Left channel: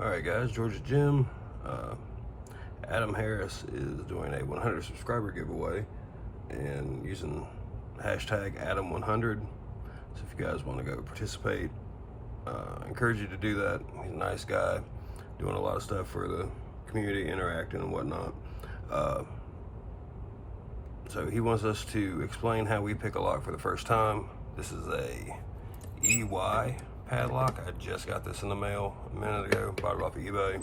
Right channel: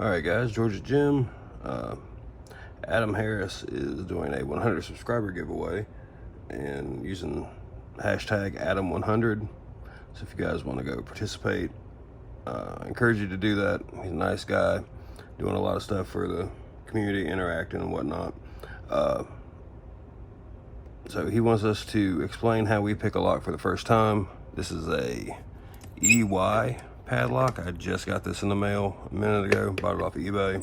All right, guys, Georgia Jim. Adam Harris is doing a 100 subscriber giveaway and using hashtag Adam100. So if you guys want to go participate, I encourage you to do that. He's a nice guy, doing a lot of stuff for the community, interacting and whatnot. So he wants us to explain how we pick a lock for the first time. This is a EY padlock. I just got this in the mail a minute ago, bought it off of eBay.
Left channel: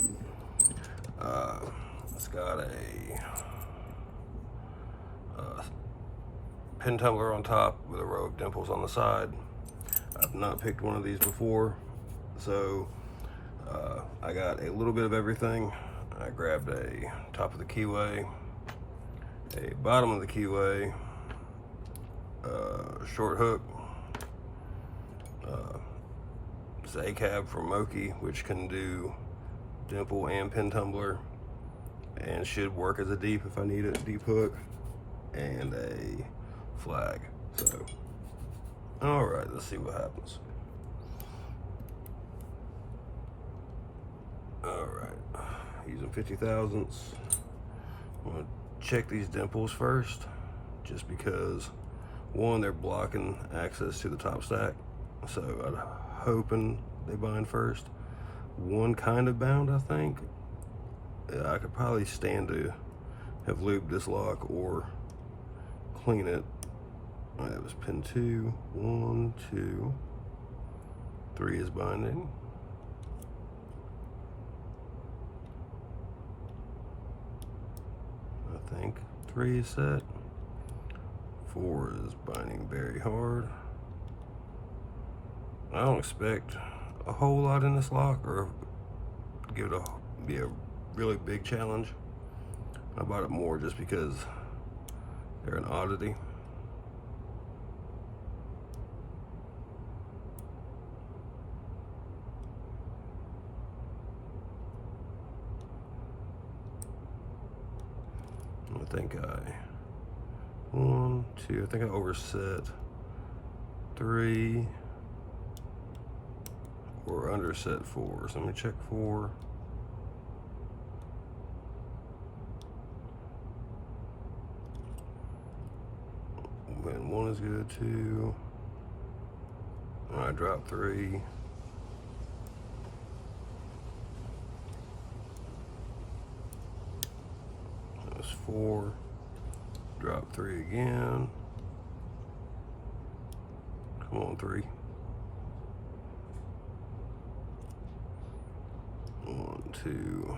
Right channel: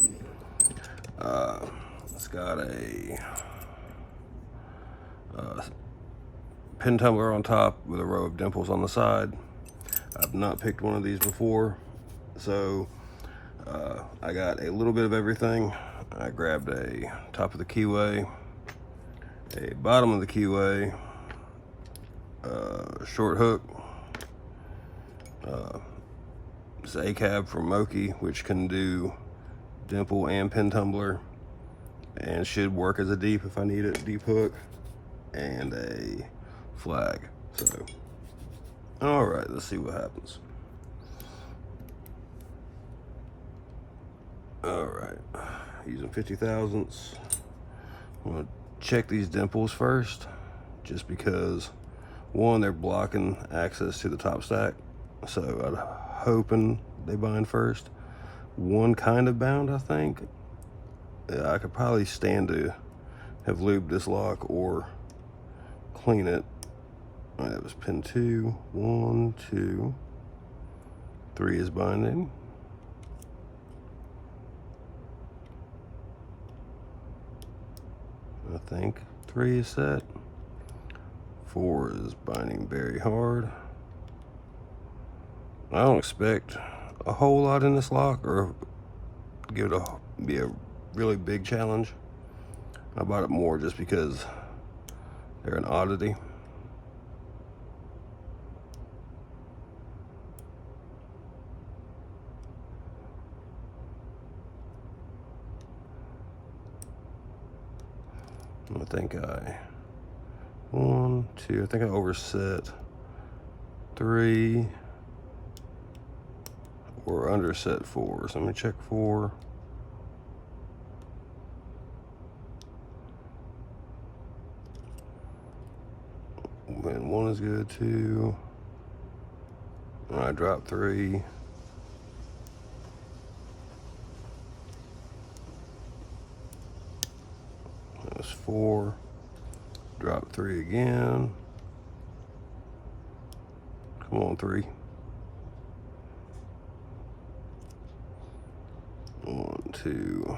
It's got a pin tumbler on top with a row of dimples on the side. I've not picked one of these before, so I got a little bit of everything. I grabbed a top of the keyway, a bottom of the keyway, a short hook, it's a cab from Moki, which can do dimple and pin tumbler, and should work as a deep if I need it, deep hook, and a flag. So, all right, let's see what happens. All right, using 50 thousandths. I'm gonna check these dimples first, just because one, they're blocking access to the top stack, so I'm hoping they bind first. One kind of bound, I think. I could probably stand to have lubed this lock or clean it. All right, that was pin 2. 1, 2, 3 is binding. I think 3 is set. 4 is binding very hard. I don't expect a whole lot in this lock, or give it be a really big challenge. I bought it more just because they're an oddity. I think I 1, 2, I think I overset 3 or underset 4. So I'm gonna check 4. And 1 is good too. And I dropped 3. That's 4. Drop 3 again. Come on, 3. 1, 2,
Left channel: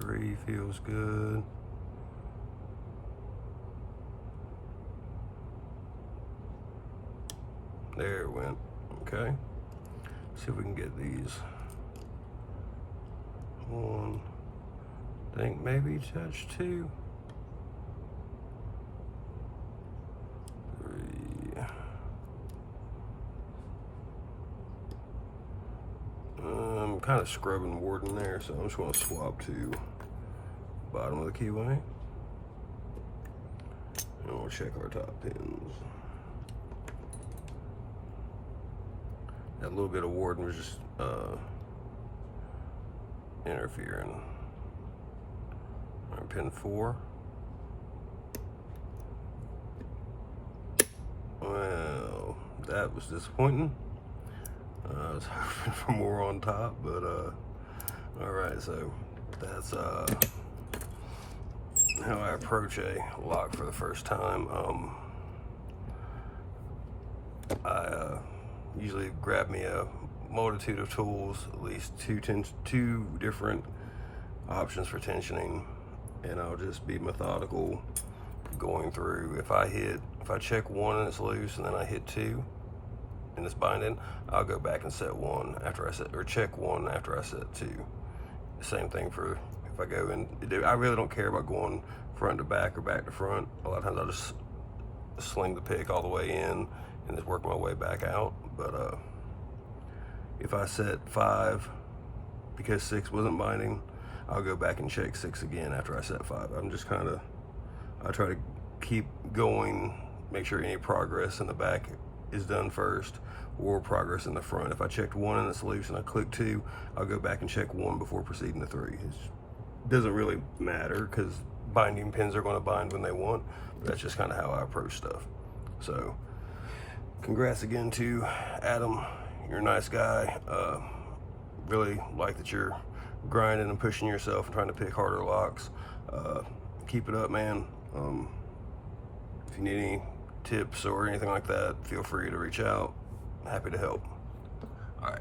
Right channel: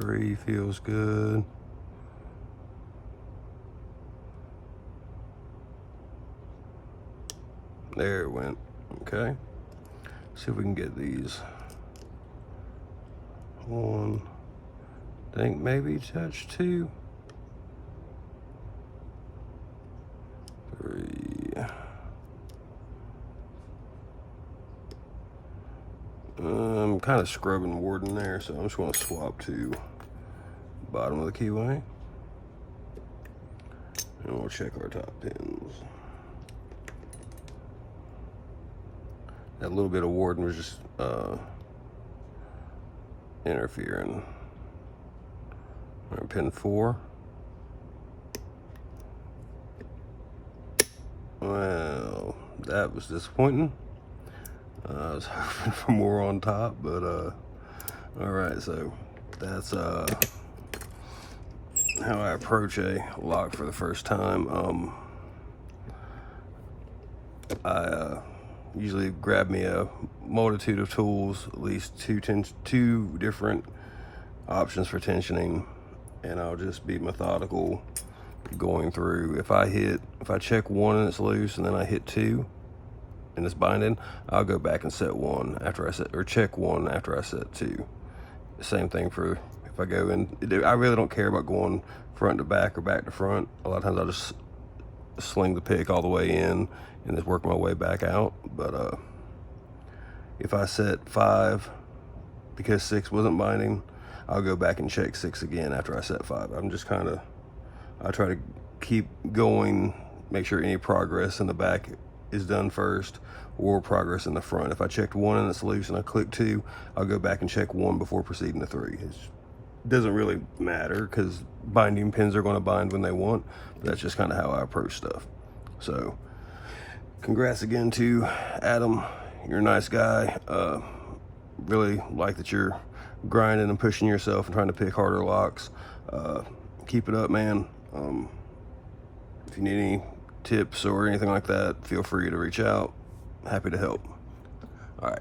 3 feels good. There it went. Okay. See if we can get these. 1. Think maybe touch 2. 3. I'm kind of scrubbing Warden there, so I'm just going to swap to bottom of the keyway. And we'll check our top pins. That little bit of Warden was just interfering. Our pin 4. Well, that was disappointing. I was hoping for more on top, but all right, so that's how I approach a lock for the first time. I usually grab me a multitude of tools, at least two different options for tensioning, and I'll just be methodical going through. If I check 1 and it's loose, and then I hit 2 and it's binding, I'll go back and set 1 after I set, or check 1 after I set 2. Same thing for if I go in. I really don't care about going front to back or back to front. A lot of times I'll just sling the pick all the way in and just work my way back out. But if I set 5 because 6 wasn't binding, I'll go back and check 6 again after I set 5. I'm just I try to keep going, make sure any progress in the back is done first or progress in the front. If I checked 1 and it's loose and I click 2, I'll go back and check 1 before proceeding to 3. It doesn't really matter because binding pins are going to bind when they want. But that's just kind of how I approach stuff. So congrats again to Adam. You're a nice guy. Really like that you're grinding and pushing yourself and trying to pick harder locks. Keep it up, man. If you need any tips or anything like that, feel free to reach out. Happy to help. All right.